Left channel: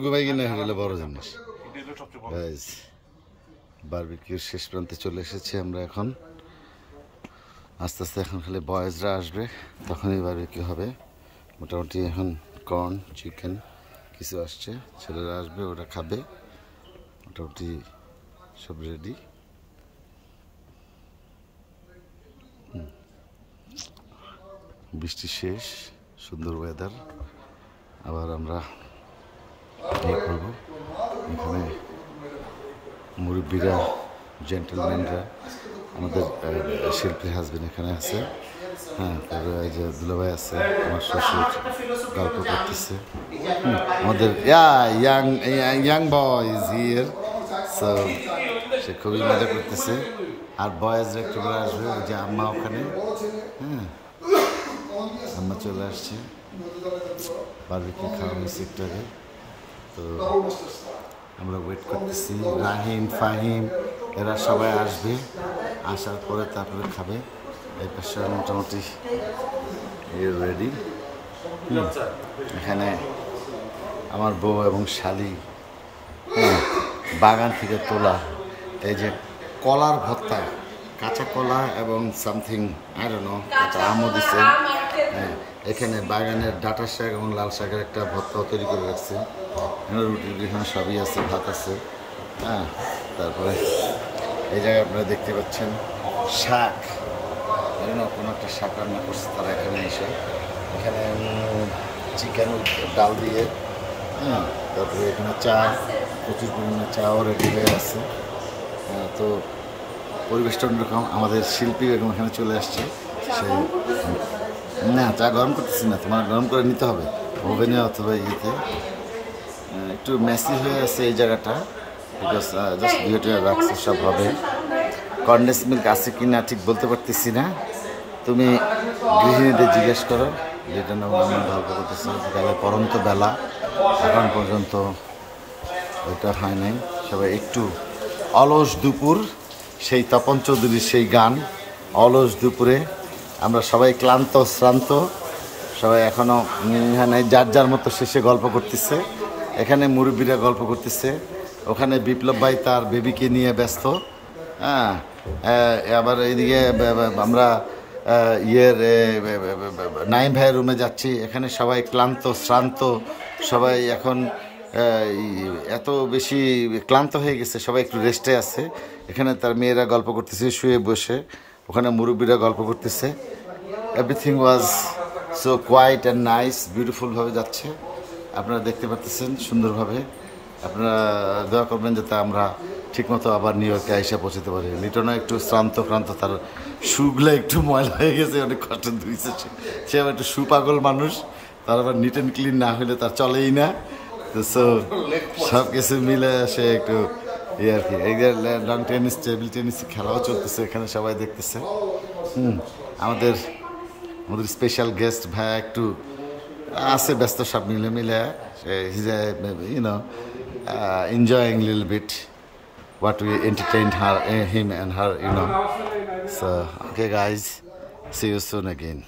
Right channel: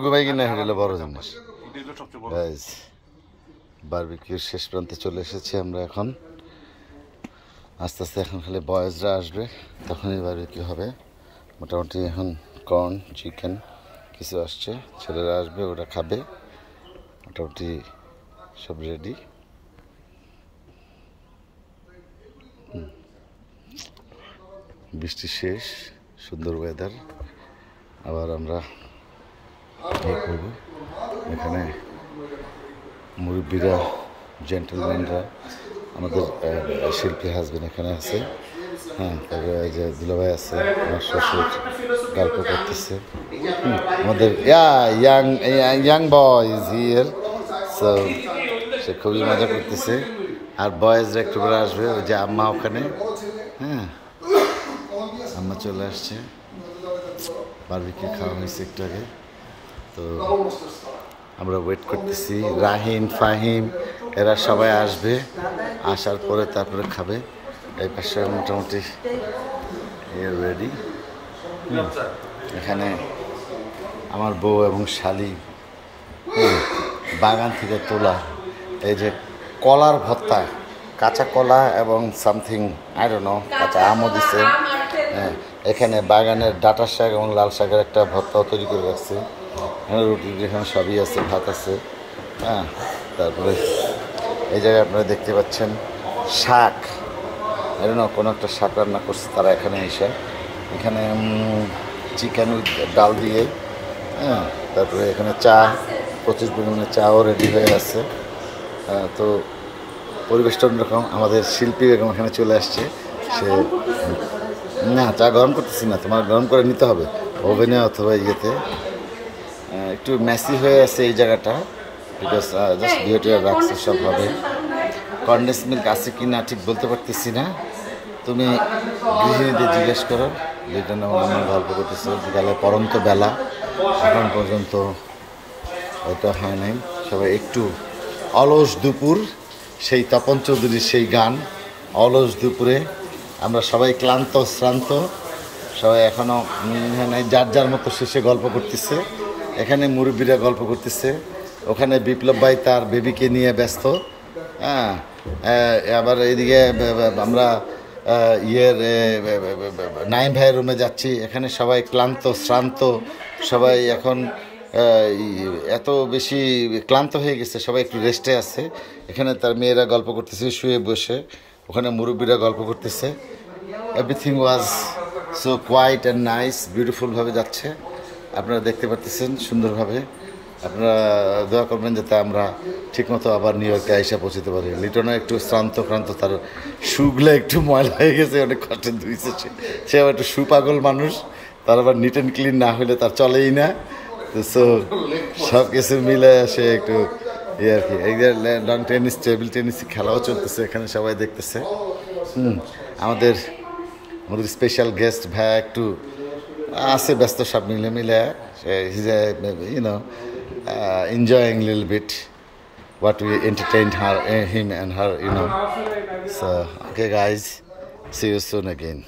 ঘুমাই কিনা হেঁটে বড় জিনিস। বারবিকিউর শেষ প্রান্তে চলে এসেছি আমরা এখন। আস্তে আস্তে এখন খালি বয়েজরা আসবে, তখনই বারবিকিউ হবে। মোটামুটি এখন কর্ন, চিকেন কিছু আসছে, ছেলেরা আসবে, ওরা খাবে। মোটামুটি সব রেডি। বৃষ্টি শেষ, সুন্দর ওয়েদার। আবার আমরা ইয়ে করবো। এখানে মুরব্বীরা, জেন্টেলম্যানরা, আমাদের শিল্পী হাজবেন্ড এখানে আছে। হ্যাঁ, তারপরে এই যে দুলাভাই আছে, আমার শ্বশুর গল্প করতেছে। আমাদের young boy is here, so সে খুবই মজা করতেছে। আর বয়েজরা একটু করে আসবে, ওই যে আম্মা ওখানে। হ্যাঁ, আম্মা চলে আসছে। বারবিকিউ খাওয়া হয়েছে একটু আগে, তো আমরা ওয়েট করতেছি। রাহিম, ফাহিম এরা সবাই আসবে, আসার পরে তারপরে খাবে। এই পাশে মোটামুটি রেডি। এখানে আমার বউ এবং শালি বাগান থেকে তোলা এই যে কলার ভর্তা, কাঁচা কলা এবং সামথিং আই ডোন্ট নো, কাঁচা আমও দিছে। হ্যাঁ, এখানে বাগানের ডাঁটা শাক এবং লাল শাকের একটা ভর্তাও তৈরি করে রাখছে। এখানে রুটি এখানে সবই আছে, ভাত আছে। হ্যাঁ, তারপরে এই জায়গায় আপনারা দেখতে পাচ্ছেন শাক, এর না কোনো একটা শাক রান্না করছে তারা এখানে এসে। এখানে চিকেন ডাল দিয়ে, হ্যাঁ, তারপরে এখানে চা, প্রচুর পরিমাণে চাও রেডি হয়ে আছে। তো পরিবেশটা অন্যরকম। আমাদের শিল্পী বেগম এখানে চলে আসছে। সে না, চা গরম করতেছি না, তোমার গরম করে নিতে হবে ওভেনে অথবা ইয়েতে। একটু মেসি হয়ে আছে এই জায়গাটা, বিকজ জাস্ট ভিডিও রাখছে সব হবে। কন্ডেন্স মিল্ক আছে কি না ঠিক বলতে পারতেছি না, তুমি গৃহিণীদের জিজ্ঞেস করো। লিটন এবং আমার গল্প করতেছে, বিকালে পরন্ত বেলা, এখন পর্যন্ত ওইটা হয় নাই। সবাই একটু অলস দুপুর, সেই তপন চৌধুরীর সেই গান অলস দুপুরে। আমরা সবাই ক্লান্ত শ্রান্ত, সবাই এখনও যার যার মতো শেষে গল্প করতেছে। এখানে মুরব্বীরা গল্প করতেছে, ওখানে বিপ্লব ভাই তার বেবিকে নিয়ে ব্যস্ত। হ্যাঁ, আবার এইদিকে আমরা নাইম ভাইয়ের রুমে যাচ্ছি। এখানে সবাই ক্লান্ত শ্রান্ত, সবাই এখন এত বেশি ক্লান্ত হয়ে গেছে, সবাই একটু রেস্টে আছে। এখানে তার মেয়েরা গল্প করতেছে শুয়ে বসে, ওখানে মুরব্বীরা গল্প করতেছে। Everything was so quiet and nice, বিউটিফুলভাবে যাচ্ছে। আপনারা দেখতে পাচ্ছেন সুন্দরভাবে। আপনারা দোয়া করবেন যাতে আমরা ঠিকমতো আবার নিউ ইয়র্কে আইসা পৌঁছতে পারি। লিটনও একটু শ্রান্ত ক্রান্ত, তার শুগুলো একটু ময়লা হয়ে গেছে, অনেক কষ্ট ধুইছে সে আবার একটু সুপাগল মানুষ, তার আবার নিট অ্যান্ড ক্লিন না হলে তার চলেই না। তো সব কিছু মিলে সে একটু আর কি। এই যে লং টেনিস, টেবিল টেনিস খেলাও চলতেছে, এখানে সবাই দেখতেছে। আমাদের স্পেশাল গেস্ট ভাইয়া একটু আছে ব্যস্ত, সব মিলে enjoying a little bit what we entertained him and her, So okay guys, see you soon again.